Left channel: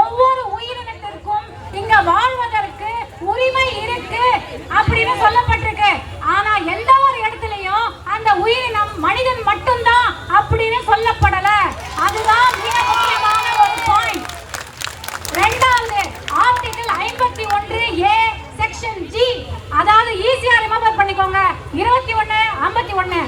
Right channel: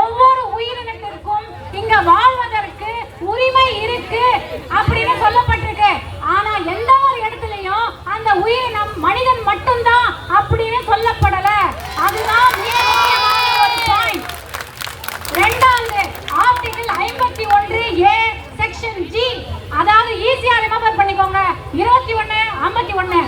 ஒவ்வொரு உயிரினத்திற்கும் இங்க வாழ்வதற்கு உரிமை இருக்கு அப்படின்னு சொல்லப்பட்டிருக்கு. ஆனா எந்த ஒரு இடத்துலயும் அந்த உயிரினம் மனிதன் மட்டும்தான் அப்படின்னு சொல்லப்படல. அதுதான் மிக முக்கியமான ரெண்டாவது ஆர்டிகல் ஐம்பத்தி ஒன்று ஏ செக்ஷன் ஜி. அதாவது ஈஸியா ரிமெம்பர் பண்ணிக்கோங்க. இருபத்தி ஒன்னு ஐம்பத்தி ஒன்னு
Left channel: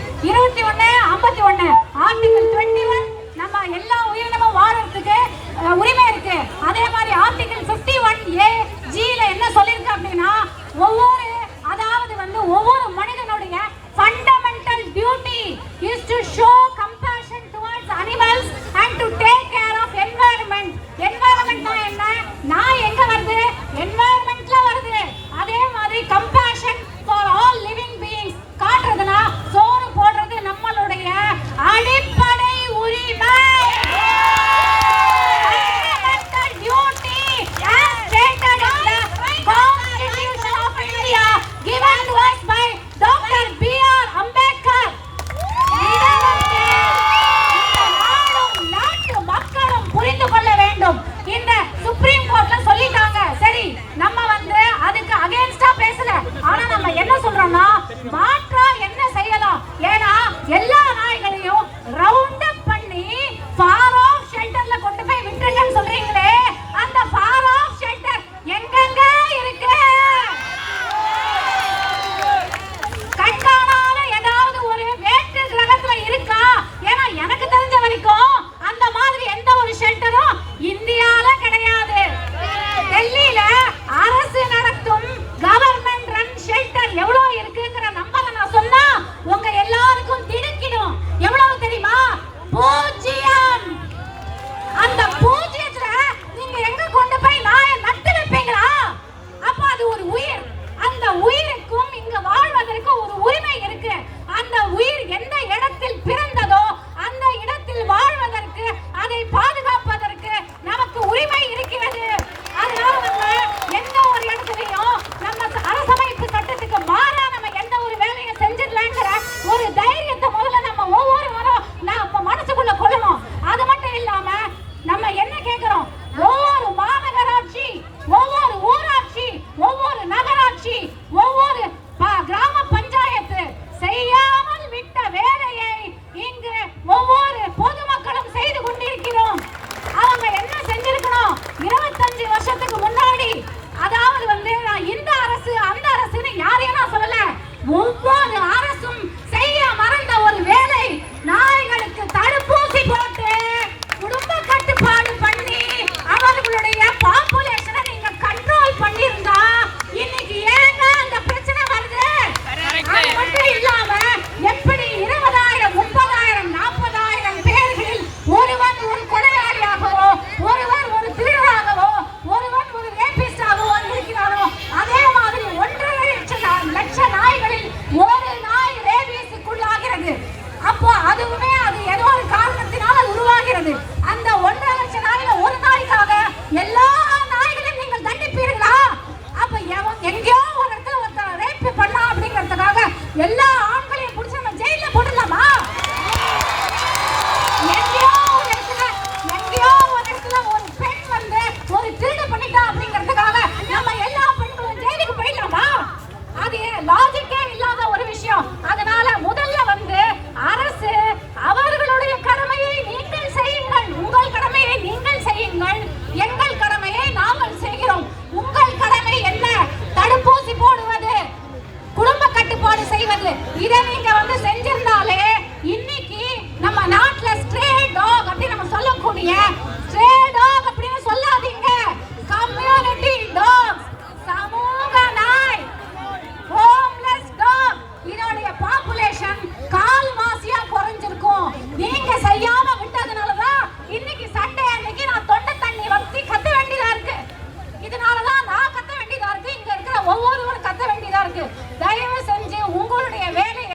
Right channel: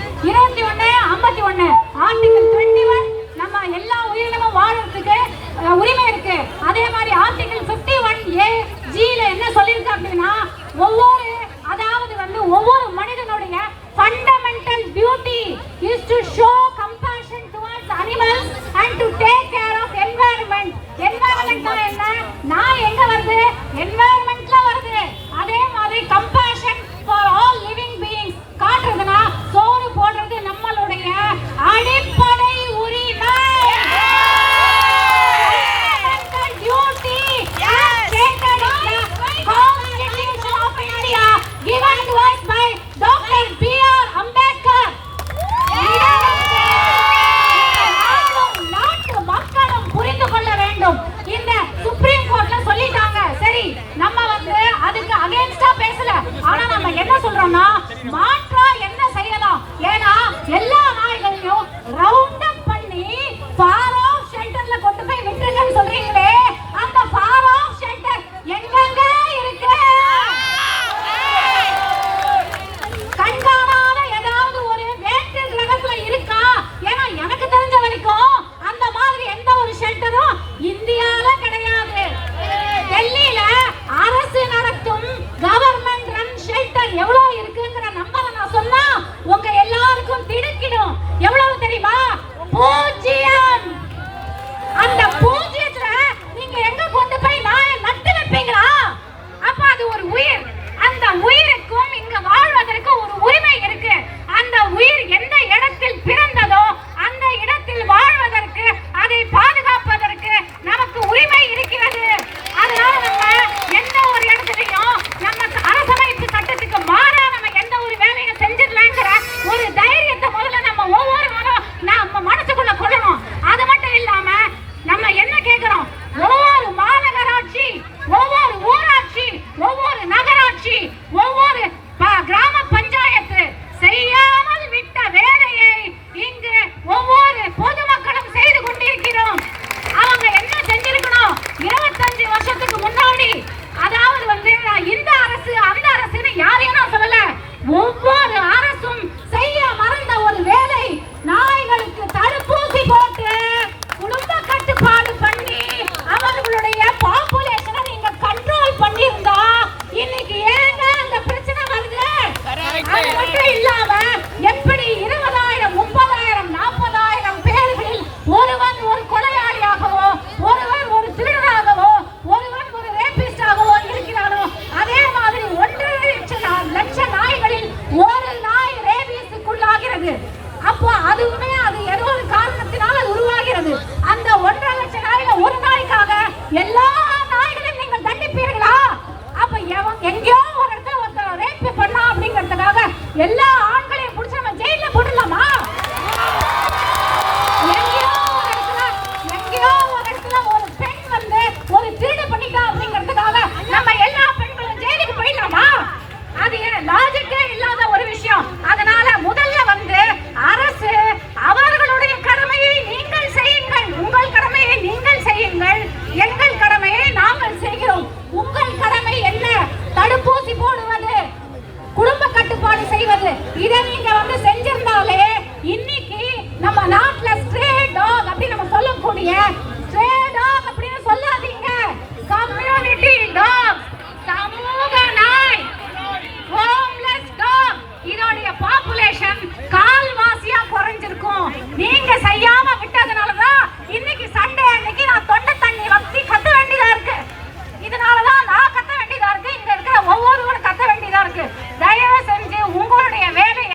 ஒவ்வொரு அதாவது வந்து ஒவ்வொரு மனிதனுடைய fundamental beauty is to show يلا. செய்வது இதை நீங்க வந்து செஞ்சு